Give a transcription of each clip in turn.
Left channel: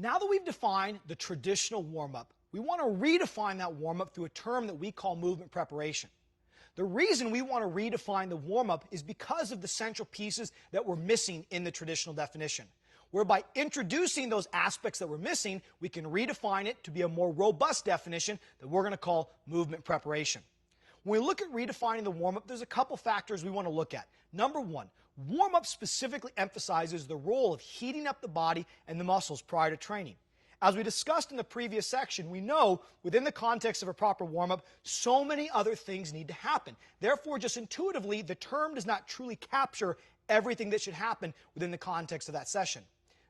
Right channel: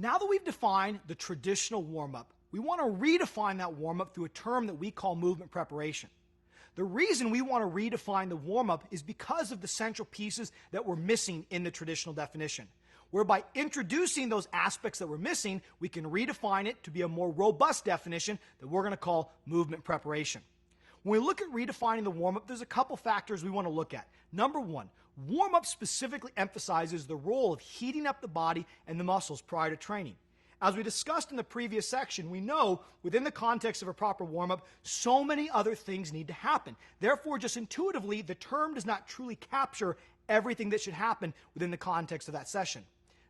Now that we've defined the traditional warm-up, we want to redefine that warm-up through a term that we call movement preparation. The reason we want to redefine the warm-up is because of the central pieces that we're missing in the traditional definition, where by introducing those aspects that we're missing, we can redefine it to be a more robust definition that we're going to call movement preparation. When we look at redefining the warm-up, there's a couple factors we want to look at. Number one, warm-up specifically emphasizes the role of heating up the body and the muscles prior to training. As we discussed in the previous section, we know within the context of a proper warm-up, so many other things need to happen. Therefore, just intuitively, the term does not truly capture everything that should happen within the context of that session.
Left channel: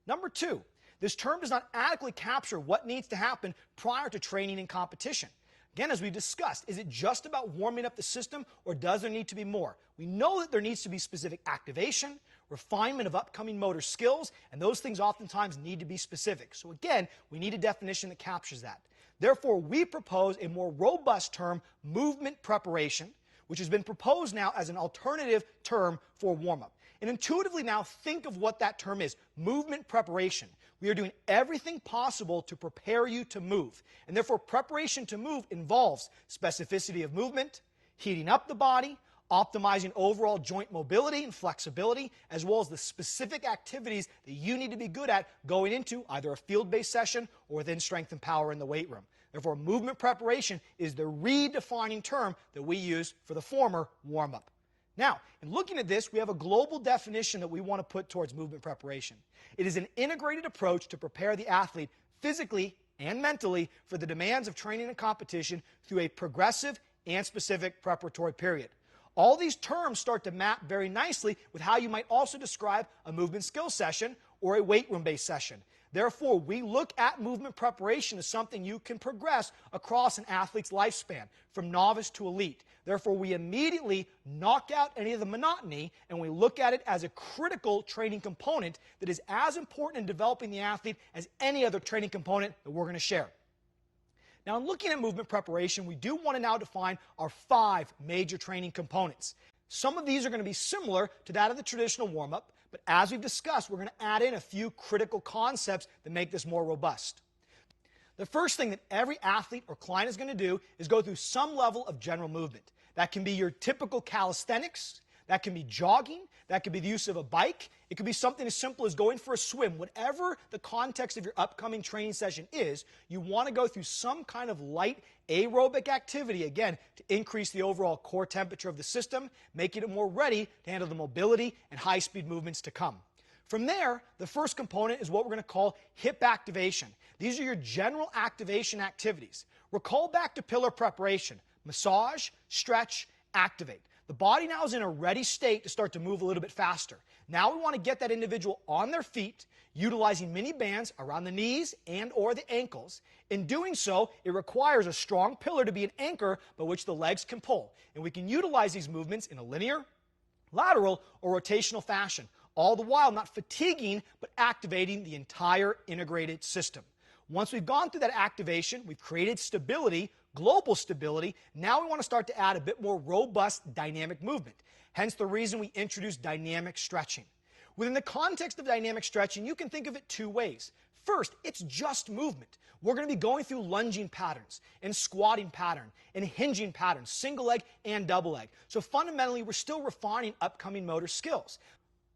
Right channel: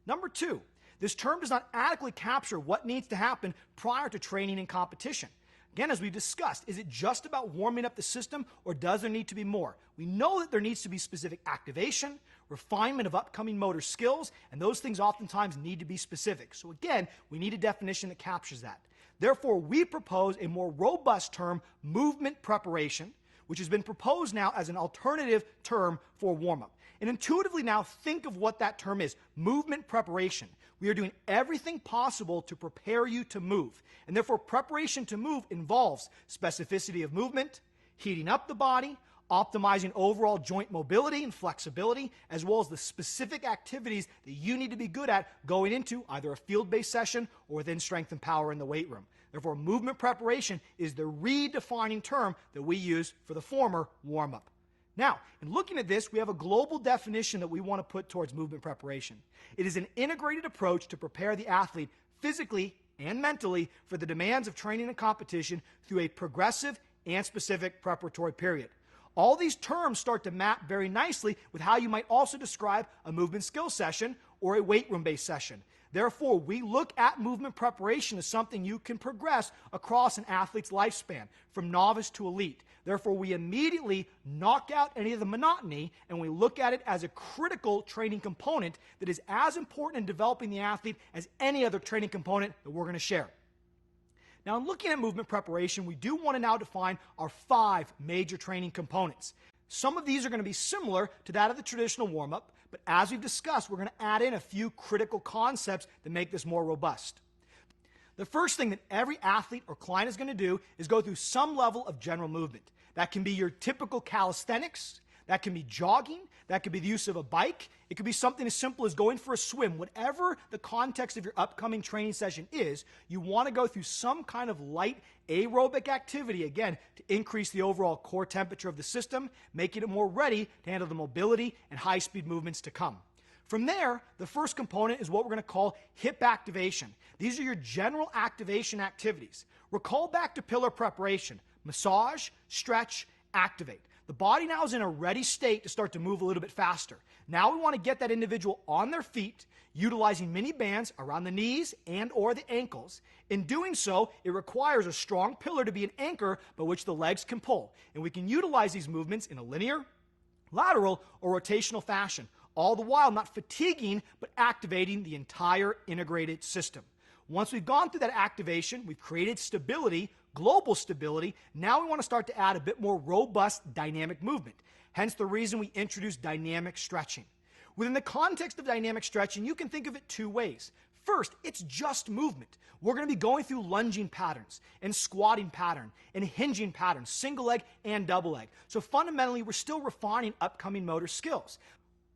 Number two, this term does not adequately capture what needs to happen prior to training and competition. Again, as we discussed, is it just about warming up the system, or does there need to be more? We know that there needs to be specific activation, refinement of upcoming motor skills, and those things oftentimes need to be specific. So again, we need a definition that captures that. Therefore, we propose a more robust term, movement preparation, which has been proposed now as an alternative term for warm-up. And intuitively now, think of what that term is, movement preparation. We are doing everything possible to prepare you to move. And therefore, preparation to move involves specificity of movement, heating up the body, optimizing overall joint mobility and flexibility, as well as the specific activities that you need to be good at going into either a field-based session or within strength and power in the weight room. Therefore, movement preparation is the redefining term that we use for the former warm-up. Now, in looking at this, we have a global definition that we want to put towards movement preparation. It is an integrated approach to prepare the athlete physically and mentally for the demands of training and competition through a progressive and specific preparatory period. All these terms start to map very nicely with how you might also describe a movement skill session or a weight room-based session. Therefore, we look at movement preparation as something you can progress across an athlete's lifespan, from novice to elite. Therefore, we immediately knock out any of the monotony, and we look at it as a critical training component that is as important in developing the athlete as any other training component that we're going to share. Now, in looking at movement preparation, we do want to now define our 5 major training components. Some of these are going to be similar to that of the traditional warm-up, but as we've discussed, we're going to add in a few critical concepts that make this more robust. The first thing that every athlete or client is going to do is go through some level of general movement. That can be your typical calisthenics, that can be jogging, that could be the use of a bike, it could be something as simple as going for a swim. Whatever the context of your upcoming training session is, you want to go through some kind of light aerobic activity, again, to increase the overall core temperature of the system, making it more ready to handle the mobility and high-speed movements to come. From there, the first component is what we're going to call hip activation. These are your general activation activities. Recall back to pillar preparation: massage, stretch, activate. The body now is in a ready state to start to move a little bit faster. Now we want to get that individual on their feet, utilizing mini bands around the knees and or the ankles. In doing so, it requires a strong pillar to be an anchor by which the legs can pull. And we can utilize these movements in a linear, lateral, or rotational fashion, all the while not fatiguing but activating the entire integrated system. Once we've gone through that activation, we've created stability, global stability. Now we want to start to add a bit more robust dynamic movement. Hence the reason we introduced dynamic stretching. Within the context of dynamic stretching, you can think of it 2 ways. First, it's just movement. We're going to be going through lunging patterns and squatting pattern and hinging patterns, single leg and double leg. So fundamentally, we're still refining upcoming motor skills.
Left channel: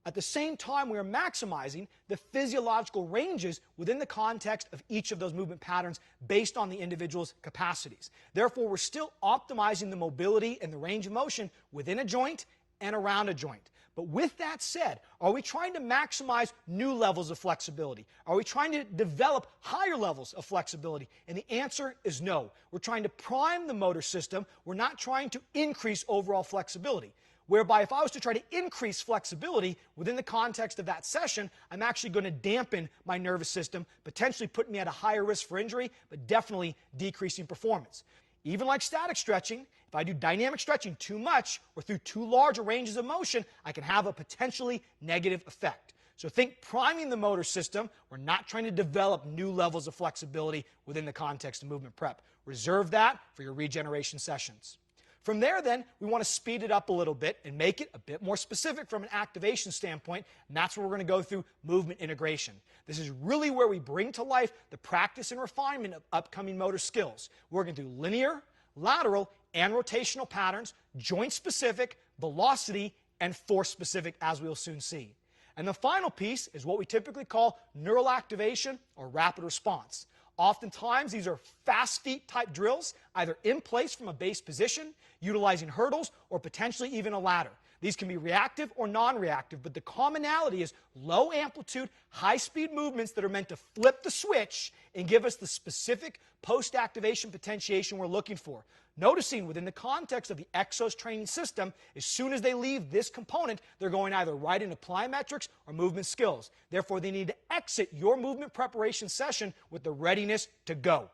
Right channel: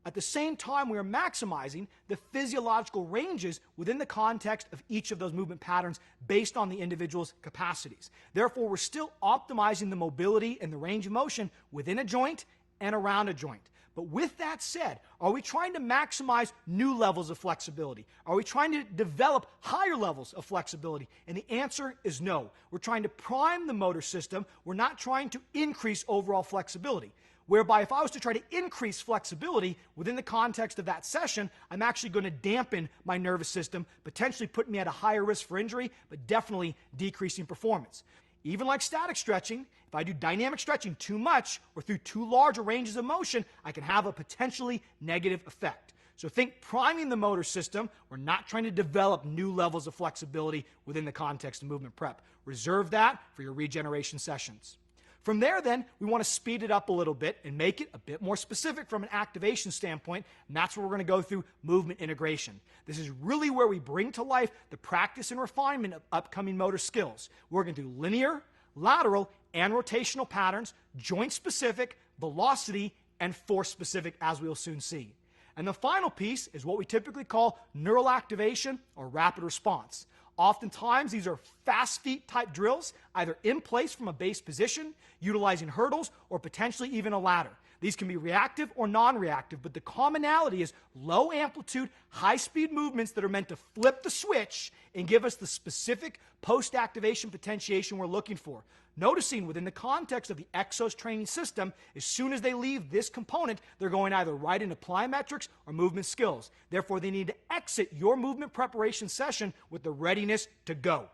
At the same time, we are maximizing the physiological ranges within the context of each of those movement patterns based on the individual's capacities. Therefore, we're still optimizing the mobility and the range of motion within a joint and around a joint. But with that said, are we trying to maximize new levels of flexibility? Are we trying to develop higher levels of flexibility? And the answer is no. We're trying to prime the motor system. We're not trying to increase overall flexibility. Whereby if I was to try to increase flexibility within the context of that session, I'm actually going to dampen my nervous system, potentially putting me at a higher risk for injury, but definitely decreasing performance. Even like static stretching, if I do dynamic stretching too much or through too large a ranges of motion, I can have a potentially negative effect. So think priming the motor system. We're not trying to develop new levels of flexibility within the context of movement prep. Reserve that for your regeneration sessions. From there, then, we want to speed it up a little bit and make it a bit more specific from an activation standpoint, and that's where we're going to go through movement integration. This is really where we bring to life the practice and refinement of upcoming motor skills. We're going to do linear, lateral, and rotational patterns, joint-specific, velocity, and force-specific, as we'll soon see. And the final piece is what we typically call neural activation or rapid response. Oftentimes, these are fast feet type drills, either in place from a base position, utilizing hurdles, or potentially even a ladder. These can be reactive or non-reactive, but the commonality is low amplitude, high-speed movements that are meant to flip the switch and give us the specific post-activation potentiation we're looking for. Noticing within the context of the Exos training system, as soon as they leave this component, they're going either right into plyometrics or movement skills. Therefore, they need to exit your movement preparation session with the readiness to go.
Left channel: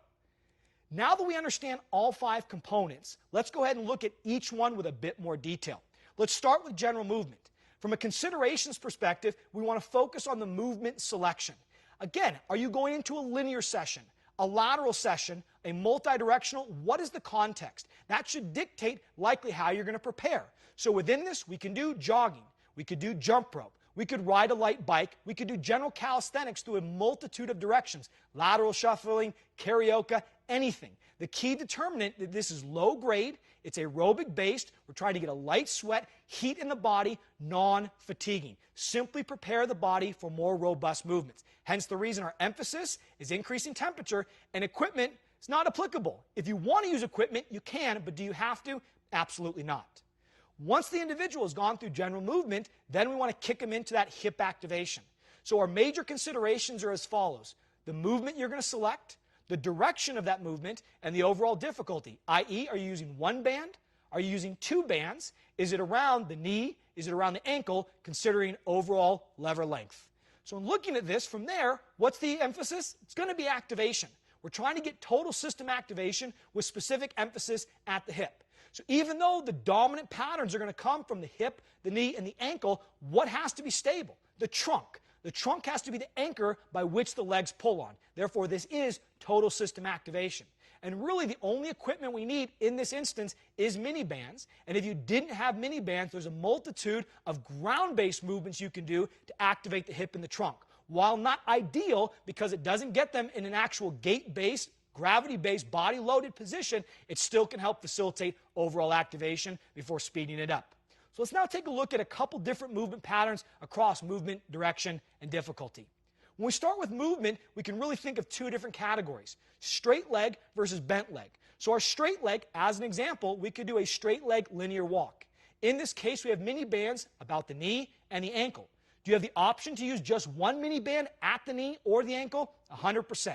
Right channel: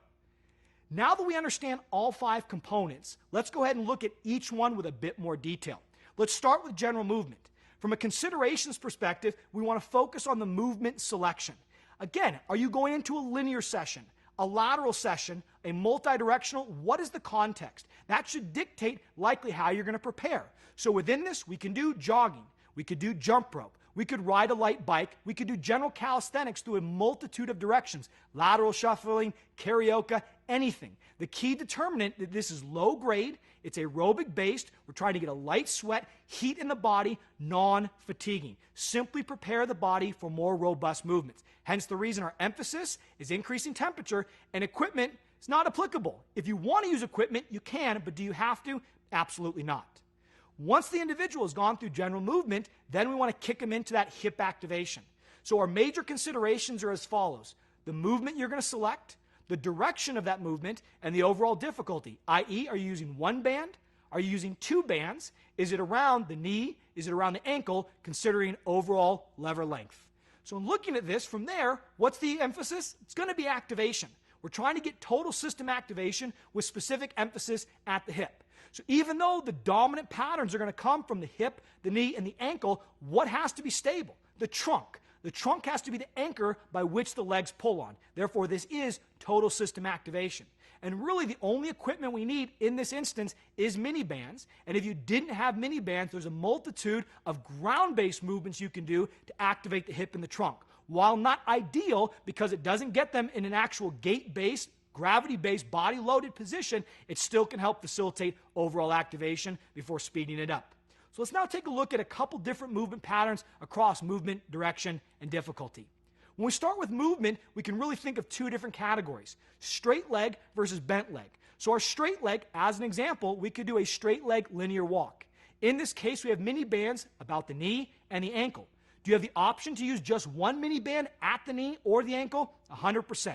Now that we understand all 5 components, let's go ahead and look at each one with a bit more detail. Let's start with general movement. From a considerations perspective, we want to focus on the movement selection. Again, are you going into a linear session, a lateral session, a multi-directional? What is the context? That should dictate likely how you're going to prepare. So within this, we can do jogging, we could do jump rope, we could ride a light bike, we could do general calisthenics through a multitude of directions, lateral shuffling, karaoke, anything. The key determinant that this is low grade, it's aerobic based, we're trying to get a light sweat, heat in the body, non-fatiguing. Simply prepare the body for more robust movements. Hence the reason our emphasis is increasing temperature, and equipment is not applicable. If you want to use equipment, you can, but do you have to? Absolutely not. Once the individual has gone through general movement, then we want to kick them into that hip activation. So our major considerations are as follows: the movement you're going to select, the direction of that movement, and the overall difficulty, i.e., are you using one band? Are you using 2 bands? Is it around the knee? Is it around the ankle, considering overall lever length? So in looking at this from there, what's the emphasis? It's going to be activation. We're trying to get total system activation with specific emphasis at the hip. So even though the dominant patterns are going to come from the hip, the knee, and the ankle, what has to be stable? The trunk. The trunk has to be the anchor by which the legs pull on. Therefore, this is total system activation. And really, the only equipment we need in this instance is mini bands. And if you didn't have mini bands, there's a multitude of ground-based movements you can do to activate the hip and the trunk. While not ideal, because it doesn't get them in an actual gait-based, gravity-based, body-loaded position, it still can help facilitate overall activation before speeding it up. So let's now take a look at a couple different movement patterns across movement, direction, and difficulty. When we start with movement, we can really think of 2 different categories: straight leg versus bent leg. So our straight leg, as an example, we could do a straight leg linear walk. In this case, we have mini bands about the knee and the ankle. Do you have the option to use just one mini band at the knee or the ankle? 100%.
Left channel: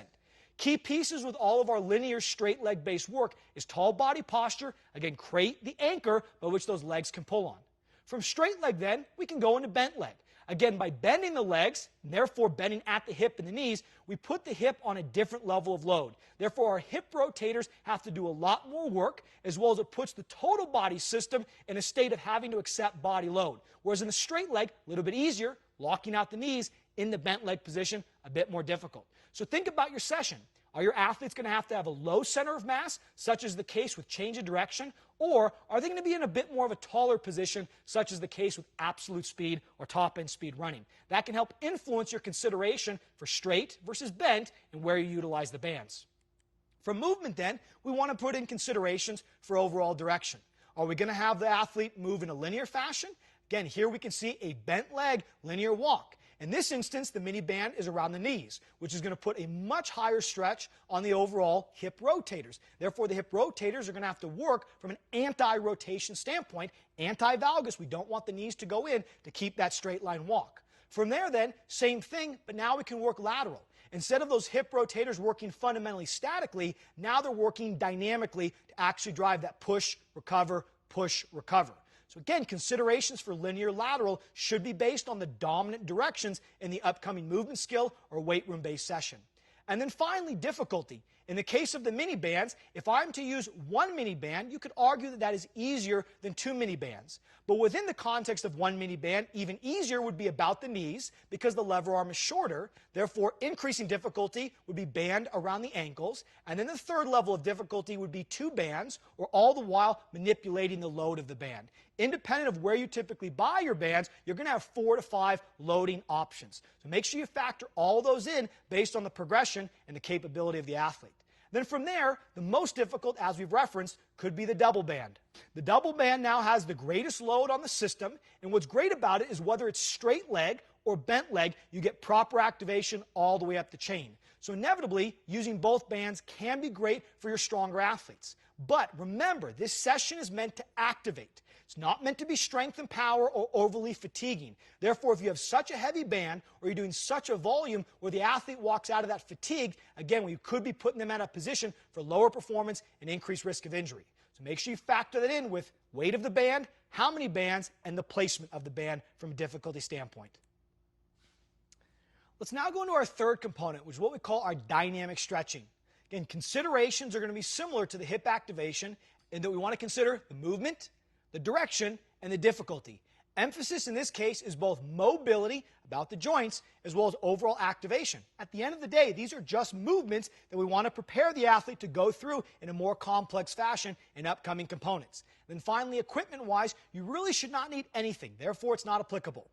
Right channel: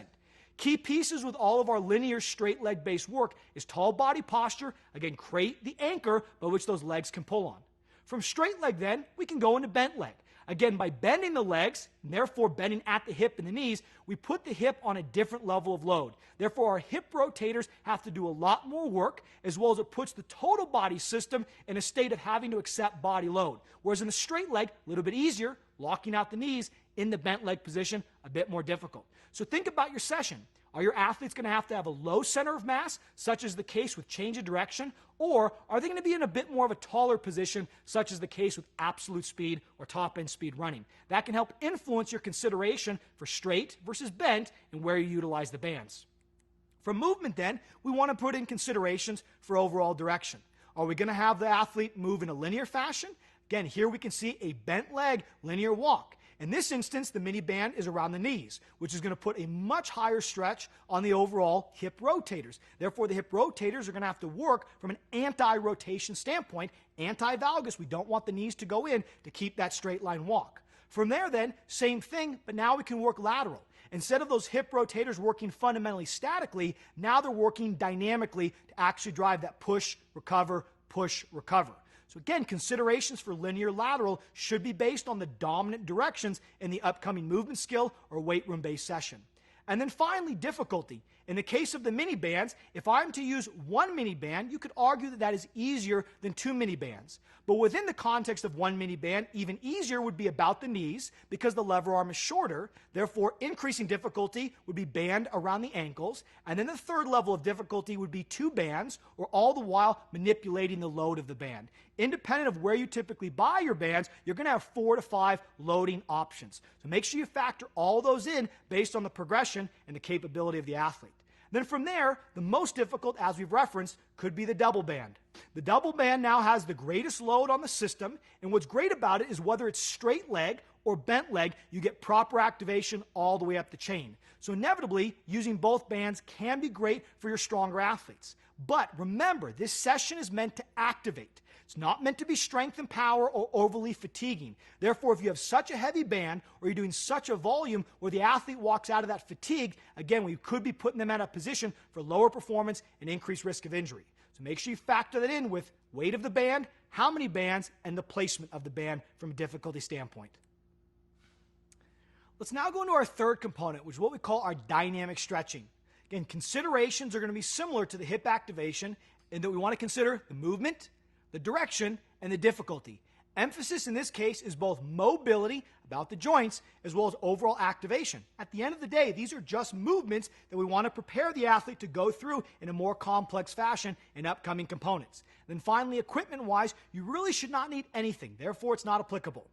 Key pieces with all of our linear straight leg based work is tall body posture, again, create the anchor by which those legs can pull on. From straight leg then, we can go into bent leg. Again, by bending the legs, and therefore bending at the hip and the knees, we put the hip on a different level of load. Therefore, our hip rotators have to do a lot more work, as well as it puts the total body system in a state of having to accept body load. Whereas in the straight leg, a little bit easier, locking out the knees. In the bent leg position, a bit more difficult. So think about your session. Are your athletes going to have a low center of mass, such as the case with change of direction? Or are they going to be in a bit more of a taller position, such as the case with absolute speed or top-end speed running? That can help influence your consideration for straight versus bent and where you utilize the bands. For movement then, we want to put in considerations for overall direction. Are we going to have the athlete move in a linear fashion? Again, here we can see a bent leg linear walk. In this instance, the mini band is around the knees, which is going to put a much higher stretch on the overall hip rotators. Therefore, the hip rotators are going to have to work from an anti-rotation standpoint, anti-valgus. We don't want the knees to go in to keep that straight line walk. From there then, same thing, but now we can work lateral. Instead of those hip rotators working fundamentally statically, now they're working dynamically to actually drive that push, recover, push, recover. So again, considerations for linear lateral should be based on the dominant directions in the upcoming movement skill or weight room-based session. And then finally, difficulty. In the case of the mini bands, if I'm to use one mini band, you could argue that that is easier than two mini bands. But within the context of one mini band, even easier would be about the knees because the lever arm is shorter. Therefore, increasing difficulty would be band around the ankles. And then the third level of difficulty would be two bands, or all the while manipulating the load of the band. Independent of where you typically buy your bands, you're going to have 4 to 5 loading options. So make sure you factor all those in based on the progression and the capability of the athlete. Then from there, the most difficult, as we've referenced, could be the double band. The double band now has the greatest load on the system, and what's great about it is whether it's straight leg or bent leg, you get proper activation all the way up the chain. So inevitably, using both bands can be great for your stronger athletes. But remember, this session is meant to activate. It's not meant to be strength and power or overly fatiguing. Therefore, if you have such a heavy band or you're doing such a volume where the athlete walks out of that fatigue, again, we could be putting them in a position for lower performance and increased risk of injury. So make sure you factor that in with weight of the band, how many bands, and the placement of the band from a difficulty standpoint. Let's now go into our third component, which is what we call our dynamic stretching. Again, considerations are going to be similar to the hip activation in that we want to consider the movement, the direction, and the difficulty. Emphasis in this case is both mobility, about the joints, as well as overall activation. At the end of the day, these are just movements that we want to prepare the athlete to go through in a more complex fashion in upcoming components. Then finally, equipment-wise, you really should not need anything. Therefore, it's not applicable.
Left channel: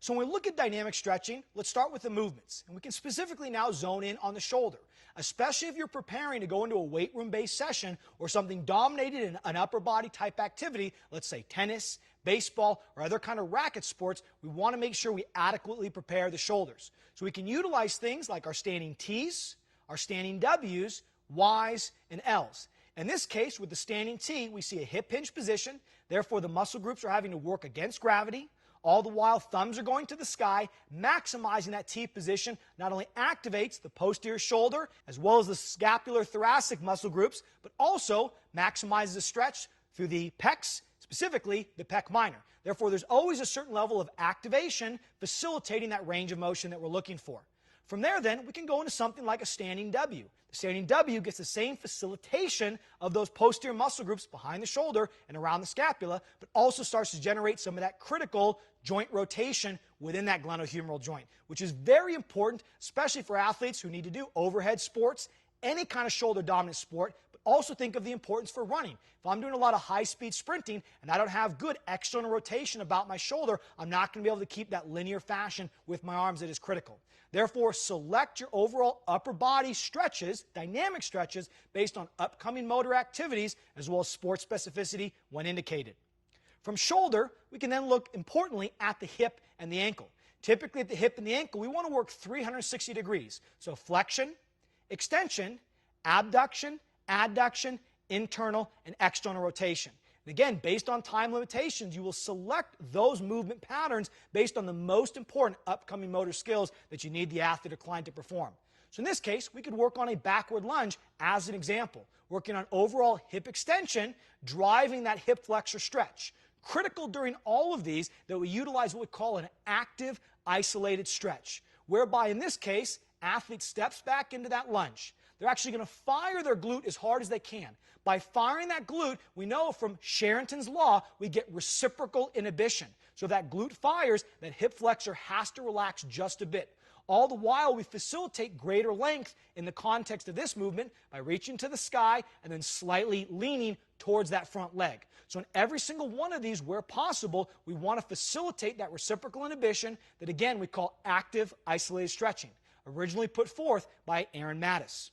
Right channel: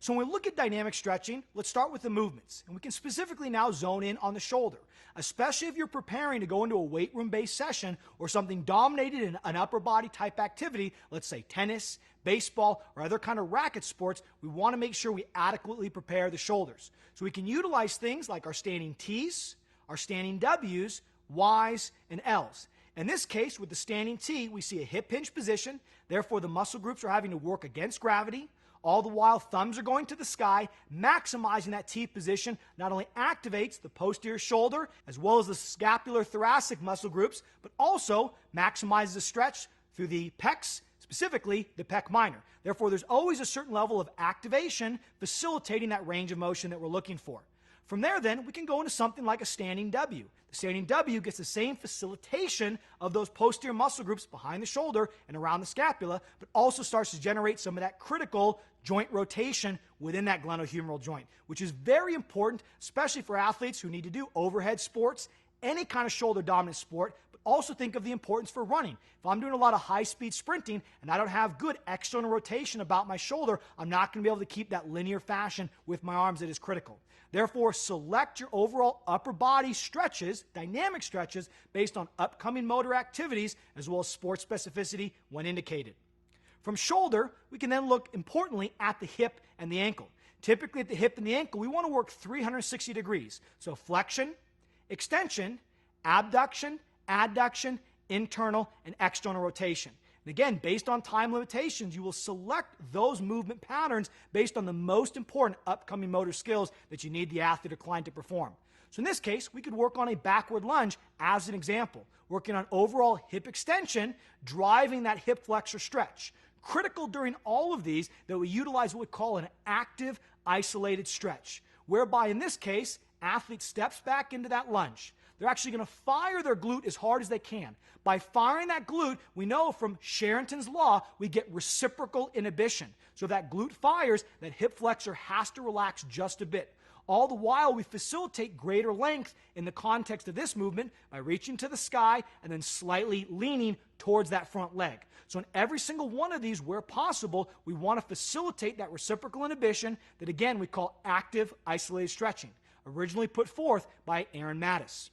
So when we look at dynamic stretching, let's start with the movements. And we can specifically now zone in on the shoulder, especially if you're preparing to go into a weight room-based session or something dominated in an upper body type activity, let's say tennis, baseball, or other kind of racket sports. We want to make sure we adequately prepare the shoulders. So we can utilize things like our standing T's, our standing W's, Y's, and L's. In this case, with the standing T, we see a hip hinge position. Therefore, the muscle groups are having to work against gravity. All the while, thumbs are going to the sky. Maximizing that T position not only activates the posterior shoulder as well as the scapular thoracic muscle groups, but also maximizes the stretch through the pecs, specifically the pec minor. Therefore, there's always a certain level of activation facilitating that range of motion that we're looking for. From there, then, we can go into something like a standing W. The standing W gets the same facilitation of those posterior muscle groups behind the shoulder and around the scapula, but also starts to generate some of that critical joint rotation within that glenohumeral joint, which is very important, especially for athletes who need to do overhead sports, any kind of shoulder dominant sport, but also think of the importance for running. If I'm doing a lot of high-speed sprinting and I don't have good external rotation about my shoulder, I'm not going to be able to keep that linear fashion with my arms that is critical. Therefore, select your overall upper body stretches, dynamic stretches, based on upcoming motor activities as well as sports specificity when indicated. From shoulder, we can then look importantly at the hip and the ankle. Typically at the hip and the ankle, we want to work 360 degrees. So flexion, extension, abduction, adduction, internal, and external rotation. And again, based on time limitations, you will select those movement patterns based on the most important upcoming motor skills that you need the athlete or client to perform. So in this case, we could work on a backward lunge as an example, working on overall hip extension, driving that hip flexor stretch. Critical during all of these that we utilize what we call an active isolated stretch, whereby in this case, athlete steps back into that lunge. They're actually going to fire their glute as hard as they can. By firing that glute, we know from Sherrington's law, we get reciprocal inhibition. So if that glute fires, that hip flexor has to relax just a bit. All the while, we facilitate greater length in the context of this movement by reaching to the sky and then slightly leaning towards that front leg. So in every single one of these, where possible, we want to facilitate that reciprocal inhibition that, again, we call active isolated stretching, originally put forth by Aaron Mattis.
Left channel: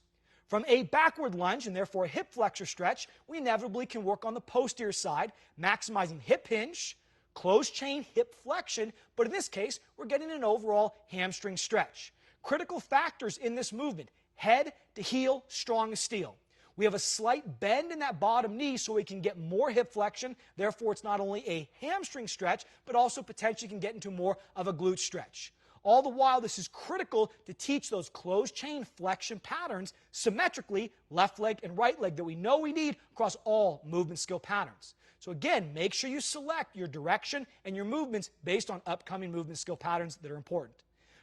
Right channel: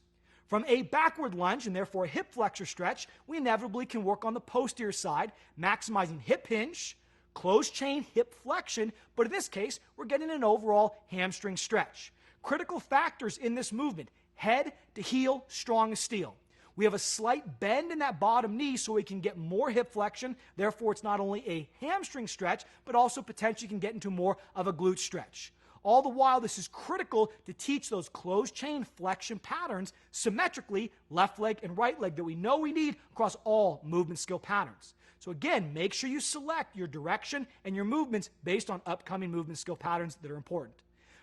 From a backward lunge, and therefore a hip flexor stretch, we inevitably can work on the posterior side, maximizing hip hinge, closed chain hip flexion, but in this case, we're getting an overall hamstring stretch. Critical factors in this movement: head to heel, strong as steel. We have a slight bend in that bottom knee so we can get more hip flexion. Therefore, it's not only a hamstring stretch, but also potentially can get into more of a glute stretch. All the while, this is critical to teach those closed chain flexion patterns symmetrically, left leg and right leg, that we know we need across all movement skill patterns. So again, make sure you select your direction and your movements based on upcoming movement skill patterns that are important.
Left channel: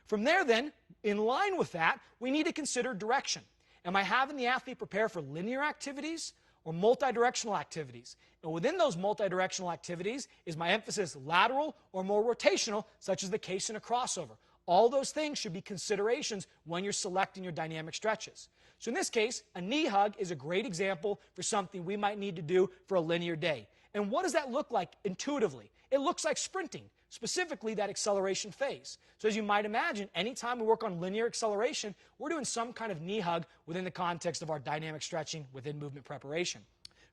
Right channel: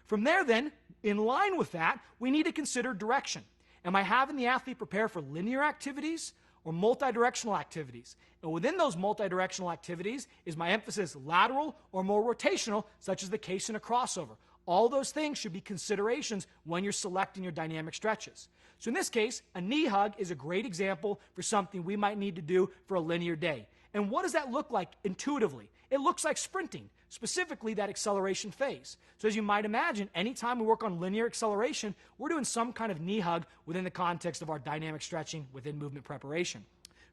From there then, in line with that, we need to consider direction. Am I having the athlete prepare for linear activities or multidirectional activities? And within those multidirectional activities, is my emphasis lateral or more rotational, such as the case in a crossover? All those things should be considerations when you're selecting your dynamic stretches. So in this case, a knee hug is a great example for something we might need to do for a linear day. And what does that look like intuitively? It looks like sprinting, specifically that acceleration phase. So as you might imagine, anytime we work on linear acceleration, we're doing some kind of knee hug within the context of our dynamic stretching within movement preparation.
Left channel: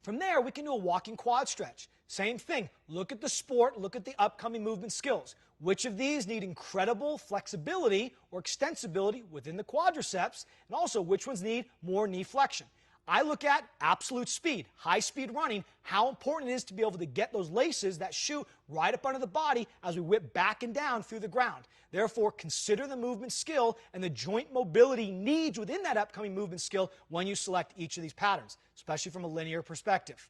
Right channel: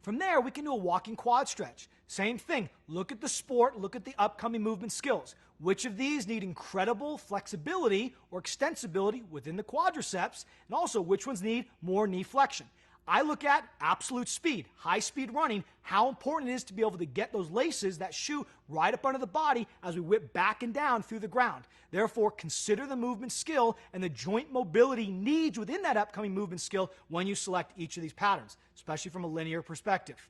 From there, we can do a walking quad stretch. Same thing. Look at the sport, look at the upcoming movement skills. Which of these need incredible flexibility or extensibility within the quadriceps, and also which ones need more knee flexion? I look at absolute speed, high speed running, how important it is to be able to get those laces, that shoe, right up under the body as we whip back and down through the ground. Therefore, consider the movement skill and the joint mobility needs within that upcoming movement skill when you select each of these patterns, especially from a linear perspective.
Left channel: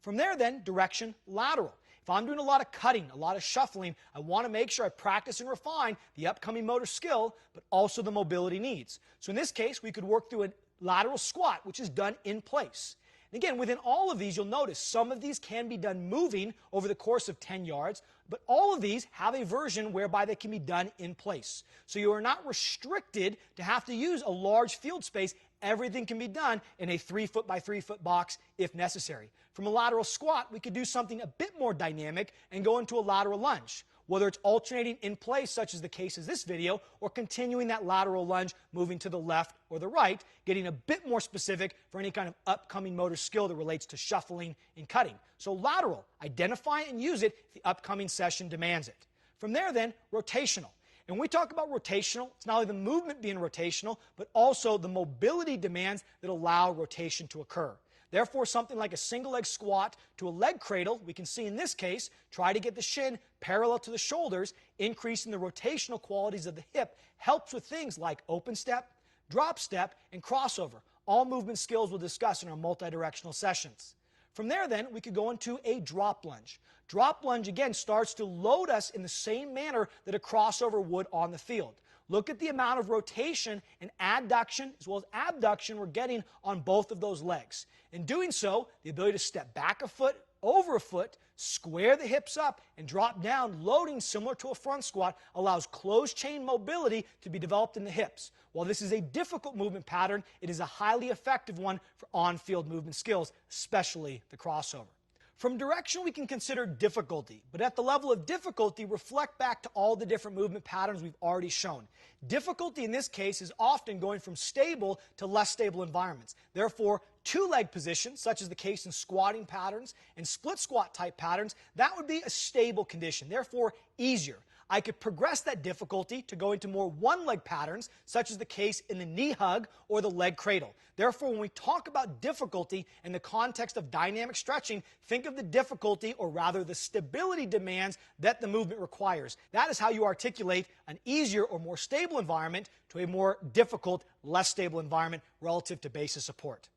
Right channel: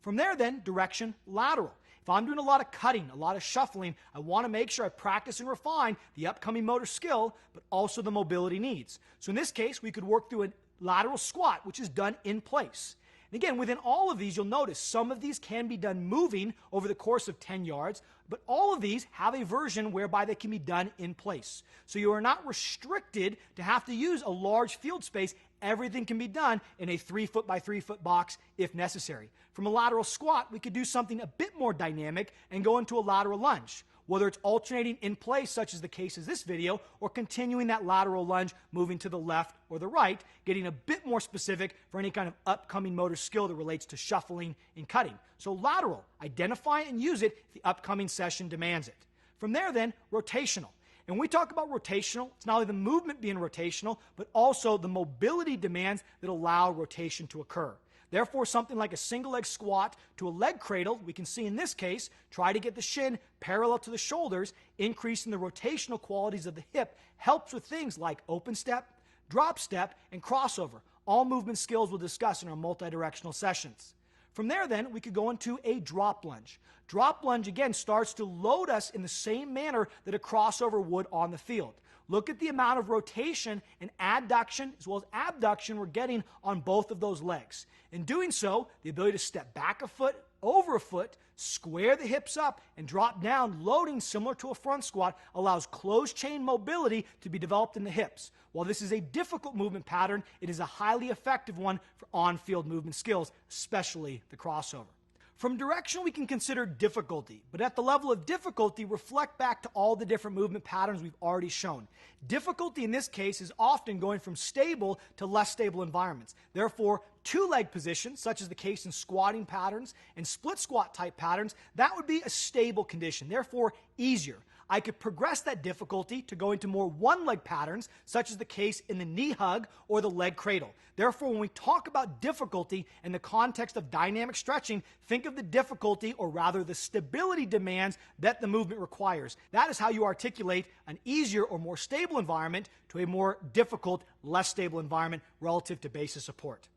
From there then, direction, lateral. If I'm doing a lot of cutting, a lot of shuffling, I want to make sure I practice and refine the upcoming motor skill, but also the mobility needs. So in this case, we could work through a lateral squat, which is done in place. And again, within all of these, you'll notice some of these can be done moving over the course of 10 yards, but all of these have a version whereby they can be done in place. So you are not restricted to have to use a large field space. Everything can be done in a 3 foot by 3 foot box if necessary. From a lateral squat, we could do something a bit more dynamic and go into a lateral lunge. Whether it's alternating in place, such as the case is this video, or continuing that lateral lunge, moving to the left or the right, getting a bit more specific for any kind of upcoming motor skill that relates to shuffling and cutting. So lateral, identify and use it if the upcoming session demands it. From there then, rotational. And when we talk about rotational, it's not only the movement being rotational, but also the mobility demands that allow rotation to occur. Therefore, something like a single leg squat to a leg cradle, we can see in this case, try to get the shin parallel to the shoulders, increasing the rotational qualities of the hip, helps with things like open step, drop step, and crossover. All movement skills we'll discuss in our multi-directional sessions. From there then, we could go into a drop lunge. Drop lunge, again, starts to load us in the same manner that a crossover would on the field. Look at the amount of rotation and adduction as well as abduction we're getting on both of those legs. In doing so, the ability to step back a foot, over a foot, square the hips up, and drop down, loading similar to a front squat, allows closed chain mobility to be developed in the hips. While this is a difficult movement pattern, it is a highly effective one for on-field movement skills, especially the crossover. From direction, we can consider difficulty, but at the level of difficulty, reflect back to all the different movement patterns we've already shown. Difficulty in this case is often going from stable to less stable environments. Therefore, two-leg positions, such as the case in squatting patterns and split squat type patterns, that would be a stable condition, therefore easier. I could progress that difficulty to go into more one-leg patterns, such as the case in the knee hug or the leg cradle. Therefore, when we talk about difficulty in the context of dynamic stretching, think of the difficulty, or rather the stability demands that the movement requires. That is how you articulate an easier or more stable environment to a more difficult, less stable environment relative to basis support.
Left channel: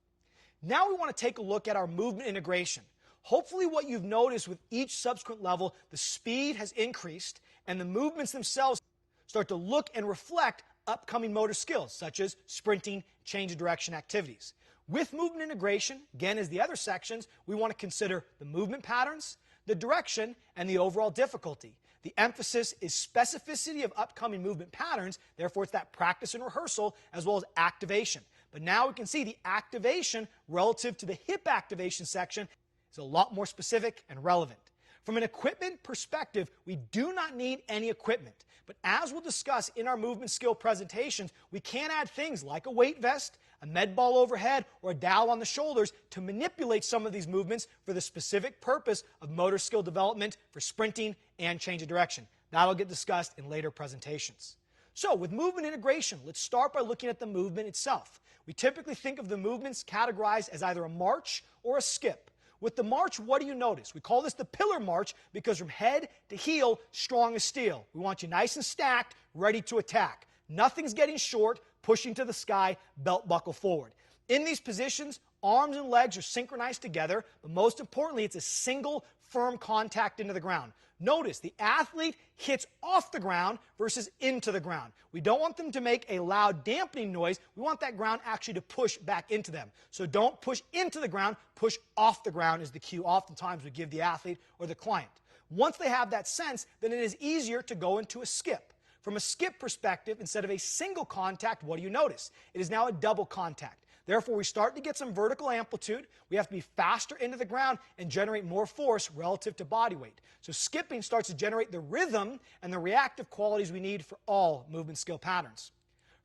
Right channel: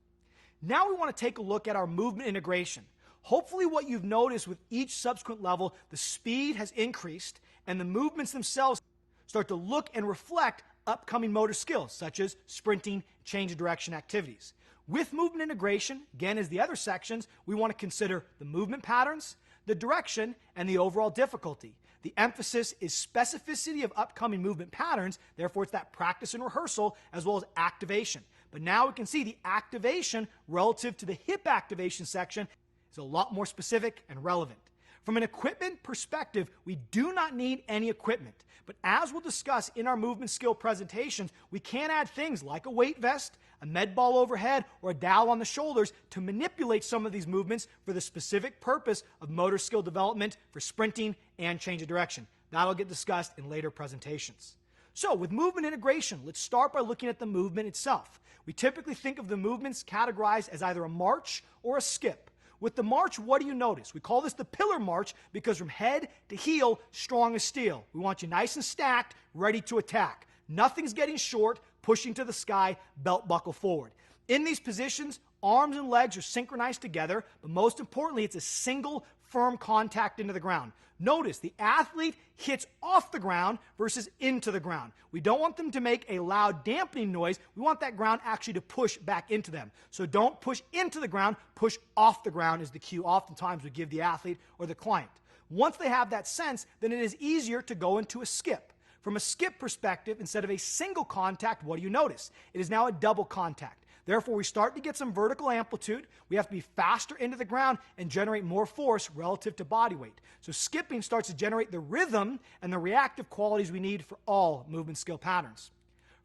Now we want to take a look at our movement integration. Hopefully what you've noticed with each subsequent level, the speed has increased and the movements themselves start to look and reflect upcoming motor skills, such as sprinting, change of direction activities. With movement integration, again as the other sections, we want to consider the movement patterns, the direction, and the overall difficulty. The emphasis is specificity of upcoming movement patterns, therefore it's that practice and rehearsal as well as activation. But now we can see the activation relative to the hip activation section is a lot more specific and relevant. From an equipment perspective, we do not need any equipment. But as we'll discuss in our movement skill presentations, we can add things like a weight vest, a med ball overhead, or a dowel on the shoulders to manipulate some of these movements for the specific purpose of motor skill development for sprinting and change of direction. That'll get discussed in later presentations. So with movement integration, let's start by looking at the movement itself. We typically think of the movements categorized as either a march or a skip. With the march, what do you notice? We call this the pillar march because from head to heel, strong as steel. We want you nice and stacked, ready to attack. Nothing's getting short, pushing to the sky, belt buckle forward. In these positions, arms and legs are synchronized together, but most importantly, it's a single firm contact into the ground. Notice the athlete hits off the ground versus into the ground. We don't want them to make a loud dampening noise. We want that ground actually to push back into them. So don't push into the ground, push off the ground is the cue oftentimes we give the athlete or the client. Once they have that sense, then it is easier to go into a skip. From a skip perspective, instead of a single contact, what do you notice? It is now a double contact. Therefore, we start to get some vertical amplitude. We have to be faster into the ground and generate more force relative to body weight. So skipping starts to generate the rhythm and the reactive qualities we need for all movement skill patterns.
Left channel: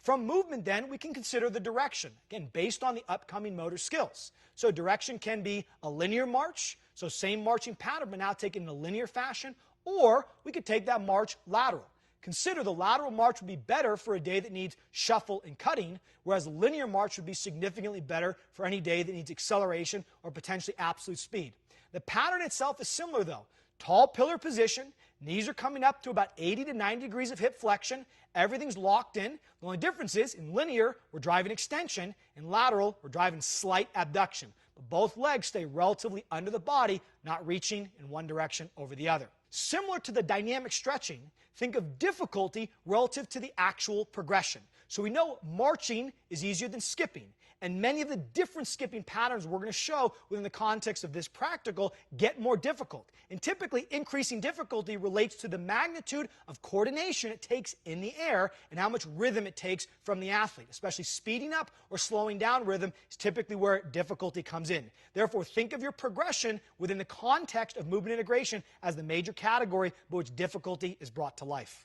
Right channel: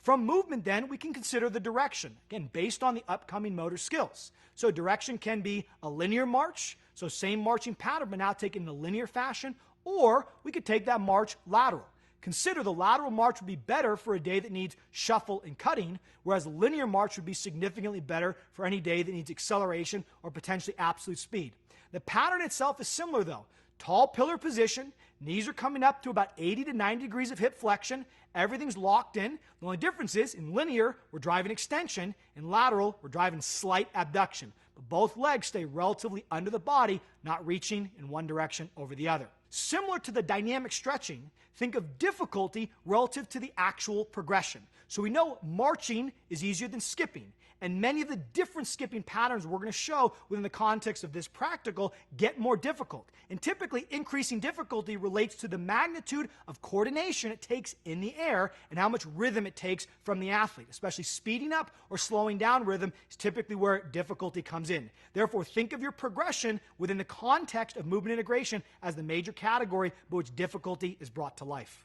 From movement, then, we can consider the direction, again, based on the upcoming motor skills. So direction can be a linear march, so same marching pattern, but now taken in a linear fashion, or we could take that march lateral. Consider the lateral march would be better for a day that needs shuffle and cutting, whereas a linear march would be significantly better for any day that needs acceleration or potentially absolute speed. The pattern itself is similar though. Tall pillar position, knees are coming up to about 80 to 90 degrees of hip flexion, everything's locked in. The only difference is in linear, we're driving extension, in lateral, we're driving slight abduction. But both legs stay relatively under the body, not reaching in one direction over the other. Similar to the dynamic stretching, think of difficulty relative to the actual progression. So we know marching is easier than skipping, and many of the different skipping patterns we're going to show within the context of this practical get more difficult. And typically, increasing difficulty relates to the magnitude of coordination it takes in the air and how much rhythm it takes from the athlete. Especially speeding up or slowing down rhythm is typically where difficulty comes in. Therefore, think of your progression within the context of movement integration as the major category by which difficulty is brought to life.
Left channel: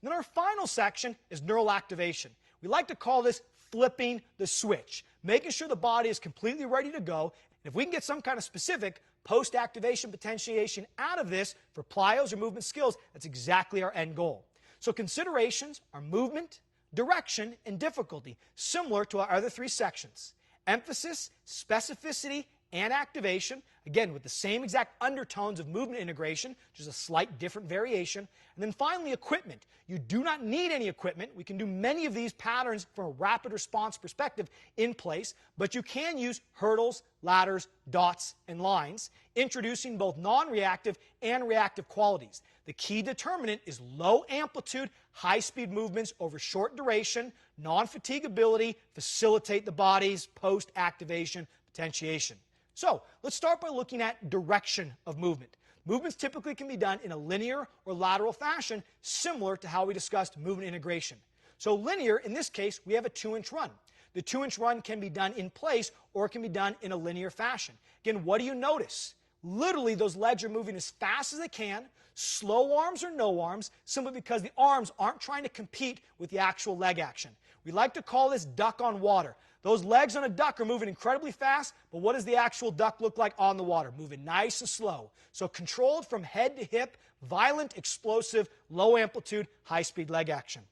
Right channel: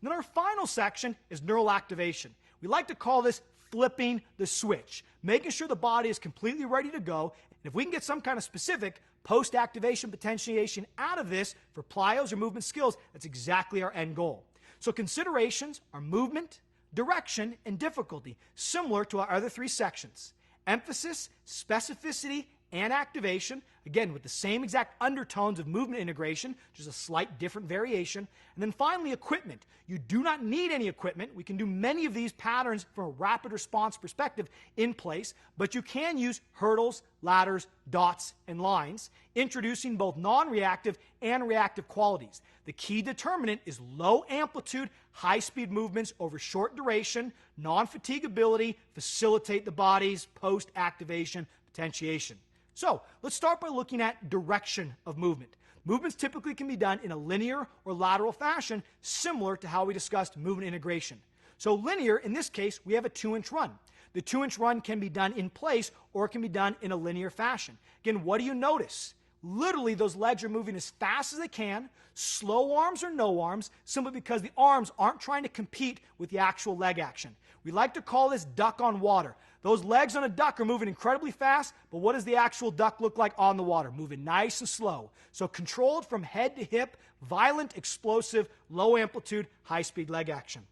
And then our final section is neural activation. We like to call this flipping the switch, making sure the body is completely ready to go. And if we can get some kind of specific post-activation potentiation out of this for plyos or movement skills, that's exactly our end goal. So considerations are movement, direction, and difficulty, similar to our other three sections. Emphasis, specificity, and activation, again with the same exact undertones of movement integration, just a slight different variation. And then finally, equipment. You do not need any equipment. We can do many of these patterns from a rapid response perspective in place, but you can use hurdles, ladders, dots, and lines, introducing both non-reactive and reactive qualities. The key determinant is low amplitude, high-speed movements over short duration, non-fatigability, facilitate the body's post-activation potentiation. So let's start by looking at direction of movement. Movements typically can be done in a linear or lateral fashion, similar to how we discussed movement integration. So linear, in this case, we have a 2-inch run. The 2-inch run can be done in place or it can be done in a linear fashion. Again, what do you notice? Literally, those legs are moving as fast as they can, slow arms or no arms, simply because the arms aren't trying to compete with the actual leg action. We like to call this duck on water. Those legs on a duck are moving incredibly fast, but what does the actual duck look like on the water? Moving nice and slow. So controlled from head to hip, violent, explosive, low amplitude, high-speed leg action.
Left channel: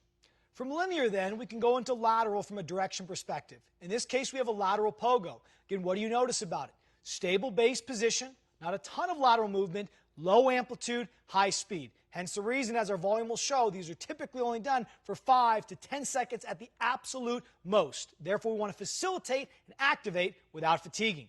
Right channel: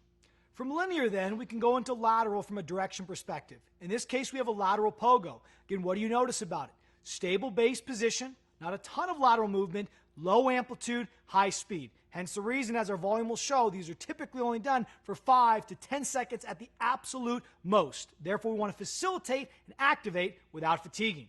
From linear, then, we can go into lateral from a direction perspective. In this case, we have a lateral pogo. Again, what do you notice about it? Stable base position, not a ton of lateral movement, low amplitude, high speed. Hence the reason, as our volume will show, these are typically only done for 5 to 10 seconds at the absolute most. Therefore, we want to facilitate and activate without fatiguing.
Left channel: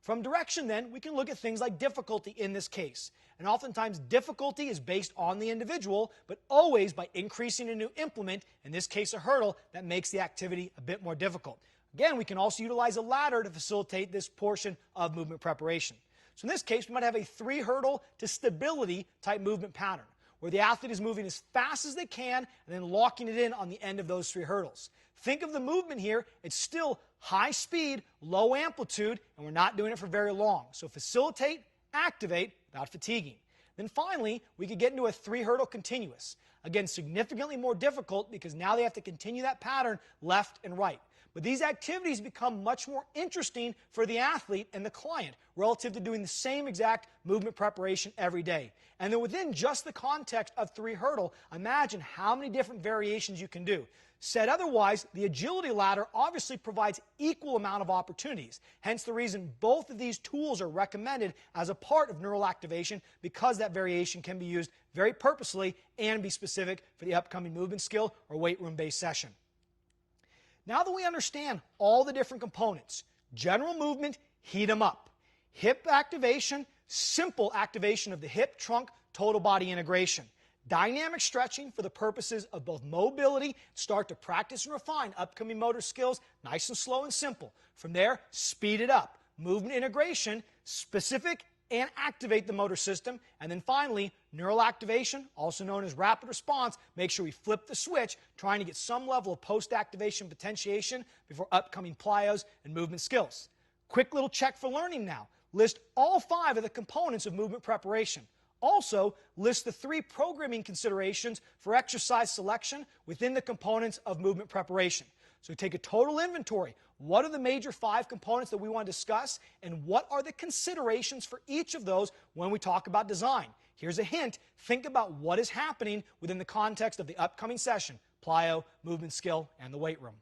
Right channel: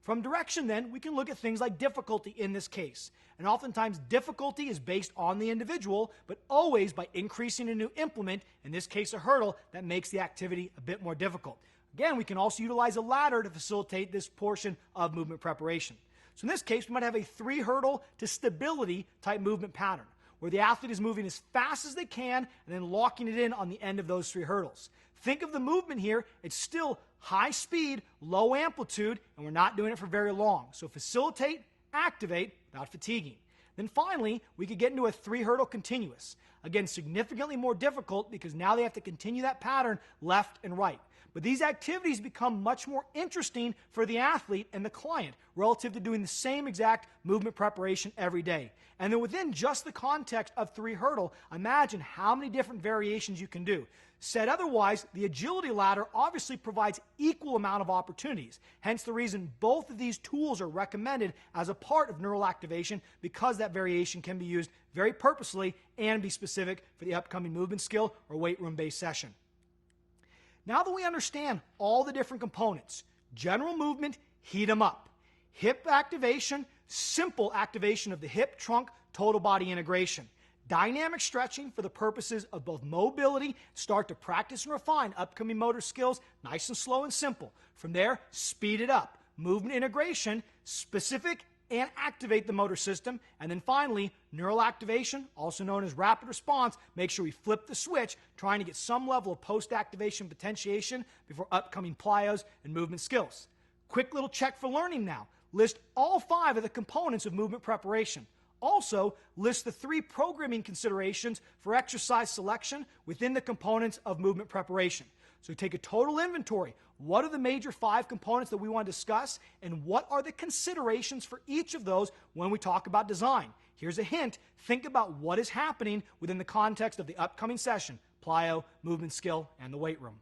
From direction, then, we can look at things like difficulty in this case. And oftentimes, difficulty is based on the individual, but always by increasing a new implement, in this case a hurdle, that makes the activity a bit more difficult. Again, we can also utilize a ladder to facilitate this portion of movement preparation. So in this case, we might have a 3-hurdle to stability type movement pattern, where the athlete is moving as fast as they can and then locking it in on the end of those 3 hurdles. Think of the movement here. It's still high speed, low amplitude, and we're not doing it for very long. So facilitate, activate without fatiguing. Then finally, we could get into a 3-hurdle continuous. Again, significantly more difficult because now they have to continue that pattern left and right. But these activities become much more interesting for the athlete and the client relative to doing the same exact movement preparation every day. And then within just the context of 3-hurdle, imagine how many different variations you can do. Said otherwise, the agility ladder obviously provides equal amount of opportunities. Hence the reason both of these tools are recommended as a part of neural activation, because that variation can be used very purposely and be specific for the upcoming movement skill or weight room-based session. Now that we understand all the different components, general movement, heat them up. Hip activation, simple activation of the hip, trunk, total body integration. Dynamic stretching for the purposes of both mobility, start to practice and refine upcoming motor skills, nice and slow and simple. From there, speed it up. Movement integration, specific and activate the motor system. And then finally, neural activation, also known as rapid response. Make sure we flip the switch, trying to get some level of post-activation potentiation before upcoming plyos and movement skills. Quick little check for learning now. List all 5 of the components of movement preparation. Also, list the 3 programming considerations for exercise selection within the components of movement preparation. So take a total inventory. What are the major 5 components that we want to discuss, and what are the considerations for each of those when we talk about design? Here's a hint. Think about what is happening within the context of the upcoming session, plyo, movement skill, and the weight room.